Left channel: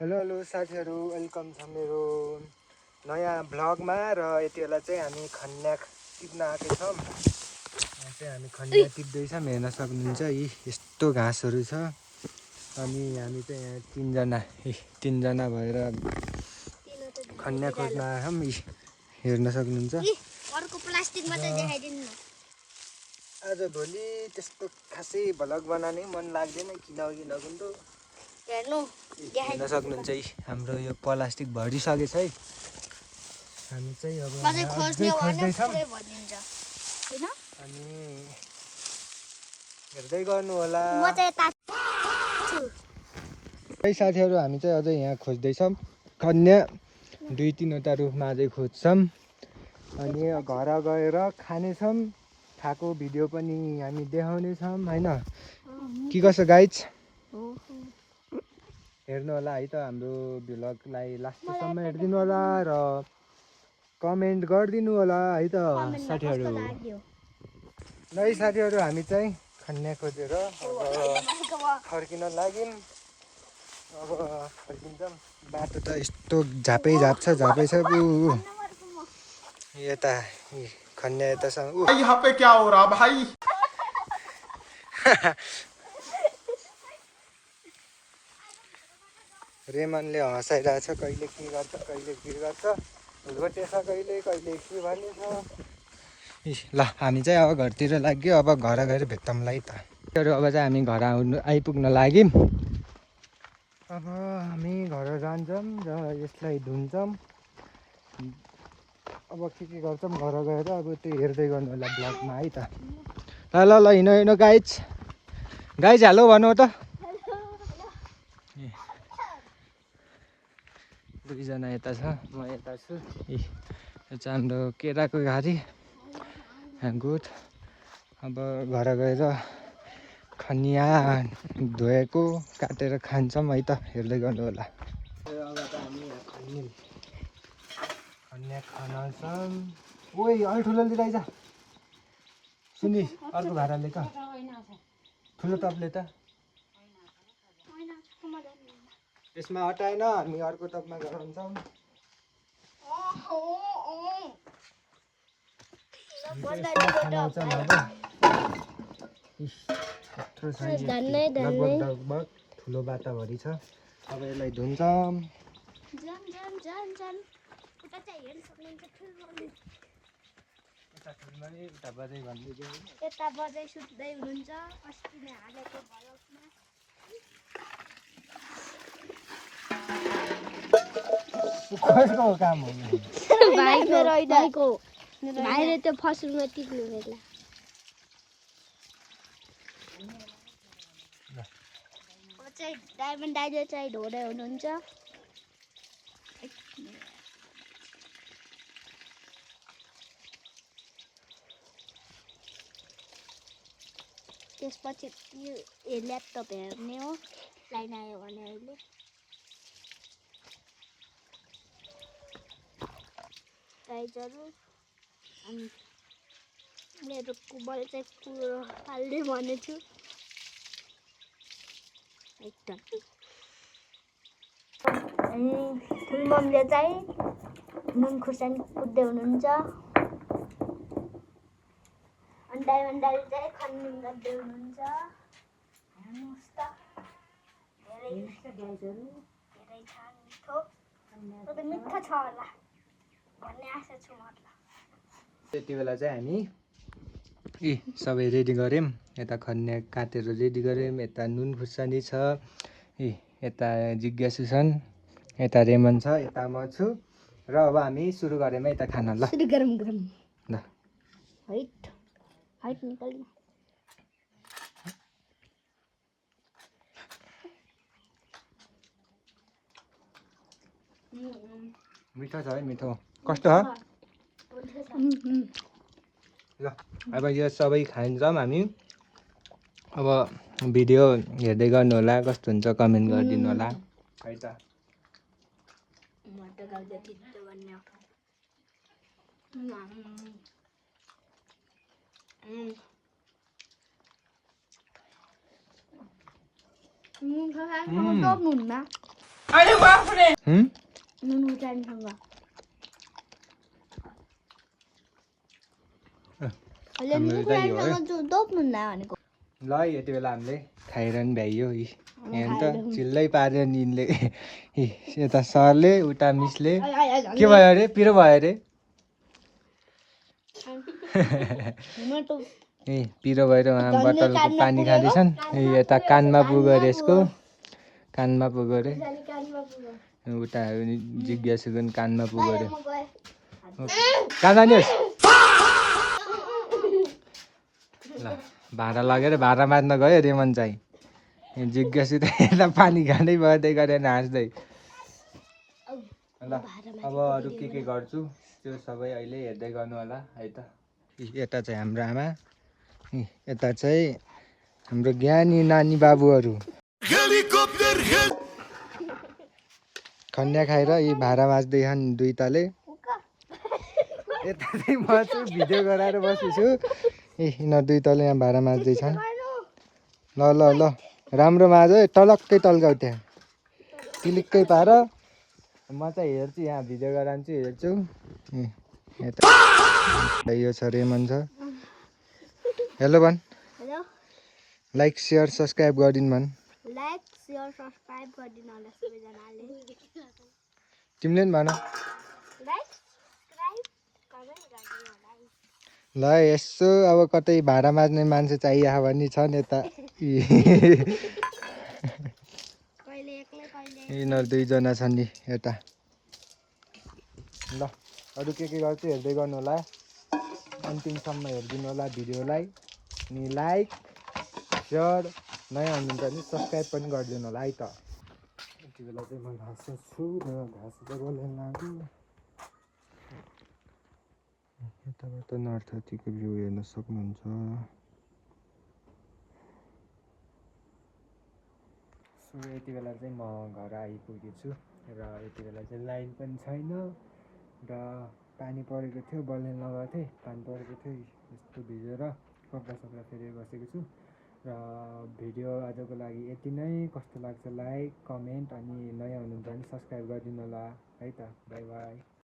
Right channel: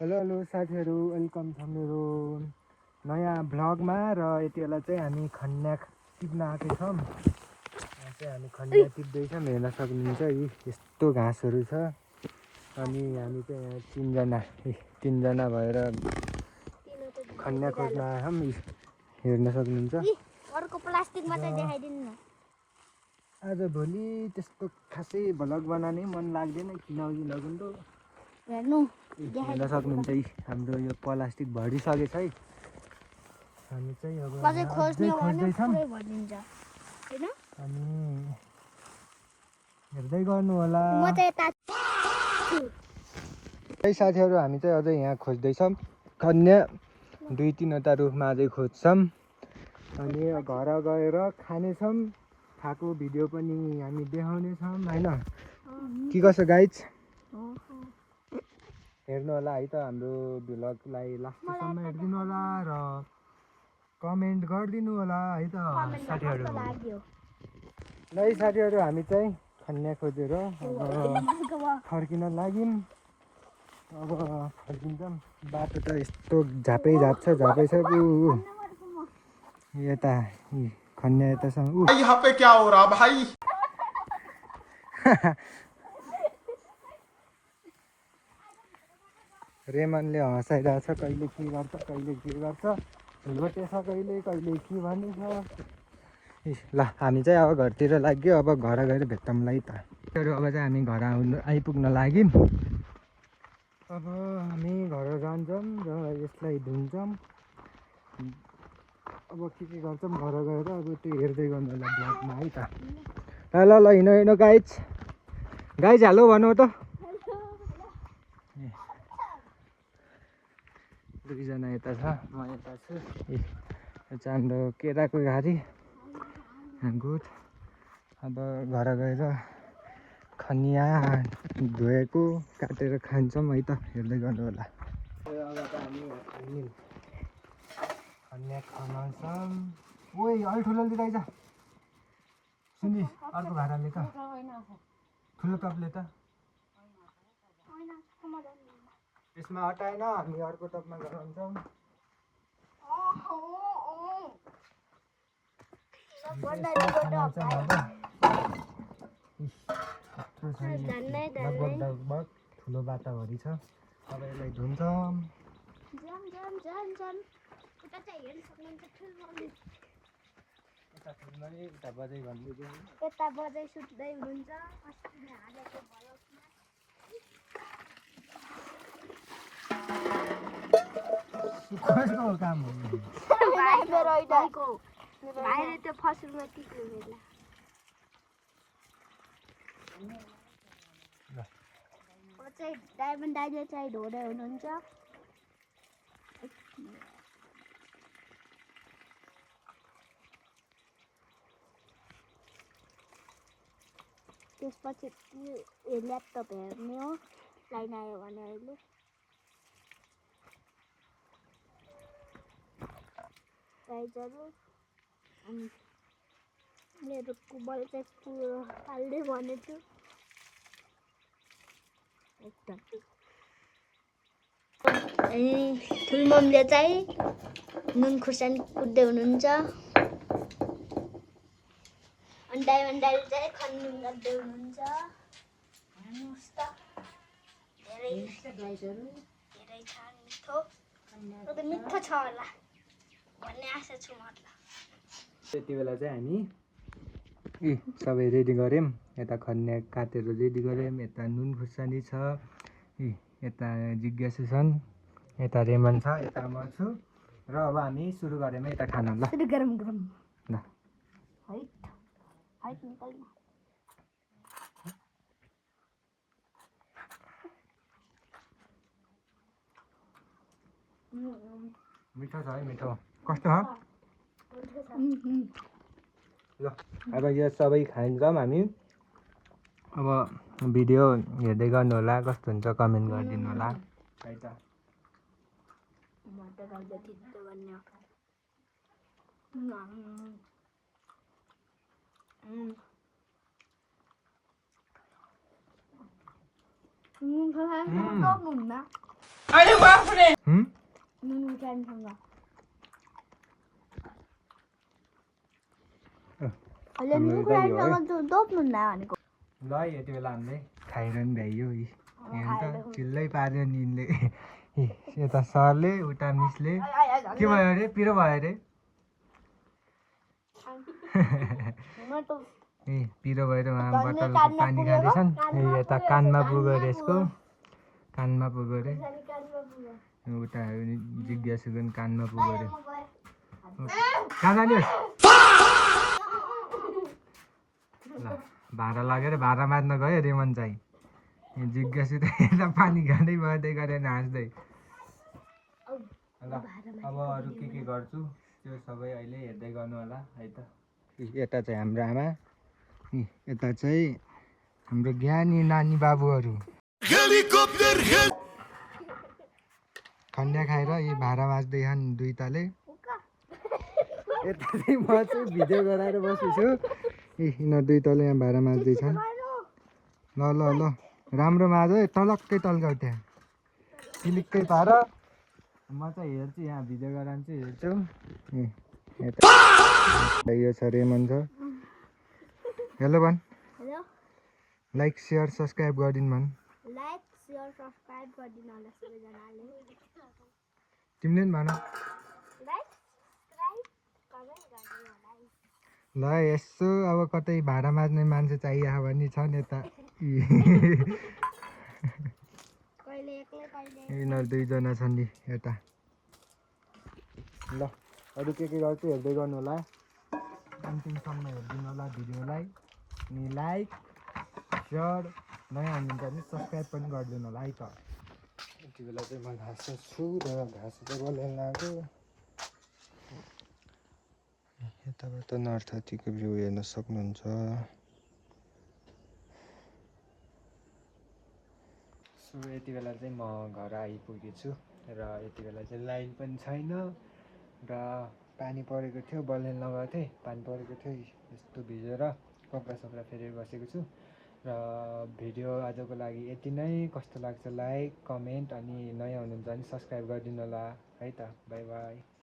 Hello साथीहरू, welcome छ मेरो नयाँ भ्लगमा। र यति बेला चाहिँ हामी खन्याक टिप्न आएका छौँ। हामी खन्याक टिप्दैछौँ, हेर्न सक्नुहुन्छ। यी यस्तो घाँसहरू छ अनि हामी चाहिँ यहाँ तिनजना भएर खन्याक खोज्न आएछौँ। हेर्न सक्नुहुन्छ। अर्को प्लास्टिकमा चाहिँ देखाइदिनु न। आजभोलि त्यस्तो खासै भ्लग बनाउनै मन लाग्दैन, किनकि नगुम्रो हेर्नु हेर्न सक्नुहुन्छ। हाम्रो यो प्लास्टिक भरिसकेछ है। हामी चाहिँ अब पछि खोज्ने भने खोज्दैछौँ पुरै भरिन्छ हैन। अनि हेर्दै गर्नु होला। म चाहिँ यता है साथीहरू, हामी चाहिँ अझै यहाँ खोज्दैछौँ। कन्या 2-3वटा रुखमा अझै खोज्छौँ अनि घर गएर खानेछौँ। खाएको भिडियो पनि हामी देखाउनेछौँ हैन। के कसो गाइज हेर्नु होला है त। हाम्रो भ्लगलाई लास्टसम्म हेरिदिनु होला र कमेन्ट गरिदिनु होला है त साथीहरू। ल है साथीहरू, हामी चाहिँ खन्या खोजेर फर्किन लाग्यौँ। अब फर्किन्छौँ। बाटो त यस्तो झापै झाप छ यता खन्या यतासँग यहाँ पे क्या हो रहा भाई। रेमनले हँसाइरहेछ। कहिले के गर्छ भोटे छ, कहिले के भनेछ। ल हामी चाहिँ अब घरतिर लाग्यो। अब घर गएर भेट्छौँला है त। अब चाहिँ हामी घर आइपुग्न लाग्यौँ। अब हामी घर जान्छौँ र यसलाई धुन्छौँ। अब के गर्छौँ घर गएर अब त्यो हेर्दै गर्नु होला ब्लगमा है त। ल हिँड गाइज हेलो भन्नु त। दुईजना यता छ, म यता छु। यो चाहिँ हाम्रो केराको घारी गुड। अब घर गएर खनिया धोएको काटेर खान्छौँ है त। हेर्दै गर्नु होला। अब त हामी खनिया खान्छौँ। ओइ अलि ठुलो लिँदै जा सुनि। अर्को भाडाले त ठुलो टपले त यसमा हटाएन। हामी अर्को टपमा गराउँछौँ। लगभग ठुलो बाटाभरि छ। अब यसलाई धुन्छौँ। यता बजाइ सुत्दै हुनुहुन्छ। अस्ति नै हालेको भ्लगमा कसको काम हो भाइले त्यो फसलमा टिप्नु पर्यो। चाहिँ डायमन्ड दाइले चाहिँ ढोदै हुनुहुन्छ। त्यसपछि यो ल्यापटप हेर्ने हो। लाइन आयो भने अहिले प्राइजहरू अनि मेरो कुबल चाहिँ पुरो हाल्ने भनेछु। ठुल्ममले चाहिँ नुन खुर्सानी कुट्दै हुनुहुन्छ। अनि डायमन्ड दाइले चाहिँ खन्नु गर्दै हुनुहुन्छ। हेर्नुहोस् त धेरै छ मिठो छ होला भन्ने आशा छु म। त्यति बेला चाहिँ हामी सबै रेडी गऱ्यौँ। यता खन्या काटेर रेडी गऱ्यौँ। यता नुन खुर्सानी छ। यता जिज्ञासु छन्। यता रेमन छ। यता म छु। र अब हामी सुरु गऱ्यौँ यता खाना। ल गरम ल हाइट निकाल्नु। मिठो छ है। मिठो कस्तो छ? ल अब यो सबै खान्छौँ हामी। अब भिडियो हेर्दै गर्नु होला। कस्तो हुन्छ कमेन्ट गरिदिनु होला है त। म त गाउँदै थिच्छु भन्ने नुनु टाइमसँग अहिले नुनु टाइमसँग दोप्नु न भनेको ल यति बेला हामीले खाइरहनु भ्याइयो यहाँ त चिल्लै पार्यो निनले यता सरले उता मिसले के भयो अरे पिरो भयो अरे ए पिरो भएर उहाँ बोतलको पानी खाँदैछन् यता कानमा पुग्यो अरे यसको कानमा पुग्यो अरे उता जिज्ञासु पनि कानमा पुग्यो अरे कहाँ जानुहोस् ल भाँडा लगेर भाँडा माझ्न गयो रेमन चाहिँ जिज्ञासु त यता पानी खाँदै बढ्दै गरेर हाँस्दै ल अब अरू के गर्छु त्यो सबै अहिले हेर्दै गर्नु होला है त यता चाहिँ हाम्रो आमा यता चाहिँ हाम्रो ज्ञानी नानी बाबुहरू खन्या खाएर यी भाँडा माझ्दैछन् दुई तले यता चाहिँ म चाहिँ भिडियो गराएर बसेछु यिनीहरू दुई तले यहाँ भाँडा माझ्दैछन् ल ल ल राम्रो माझ है टलक्कै टल्काउ त्यहाँ पिलिक्कै पार म चाहिँ हेर्छु यहाँ भिडियो गराउँछु हेर्छु यो छ रेमन छ हेलो भन् हेलो लाइक सेयर सब्सक्राइब गरिदिनु भन् लाइक सेयर सब्सक्राइब गरिदिनु होला सबैजनाले तिमीले पनि भन लाइक सब्सक्राइब कमेन्ट गरिदिनु होला ल यसो अब कतै भाँडा माझ्ने मान्छे चाहियो भने छन् यता कहिले एक्लै कहिले यिनीहरू दुईजना छन् नि यता ल अरू के गर्छु हेर्दै गर्नु होला अन्तिमसम्म हेरिदिनु होला भिडियोलाई अनि लाइक सेयर नयाँ हुनुहुन्छ भने सब्सक्राइब पनि गरिदिनु होला है त यति बेला चाहिँ म घाँस छु र घाँस चाहिँ बोलाउन आएको यताबाट नर्थातीको भ्यू हेर्न सक्नुहुन्छ सो यति बेला चाहिँ म घर आइपुगेछु र यति बेला चाहिँ लाइन पनि छैन र पानी परेको थियो बलले लगाएको थिएँ पानी परेको थियो यस्तो भिजेर कपडा सपडा फेरेर बसेको छु र भिडियो आजको लागि यति नै कस्तो लाग्छ लाइक कमेन्ट अनि नयाँ हुनुहुन्छ भने सब्सक्राइब गरिदिनु होला है त बाई बाई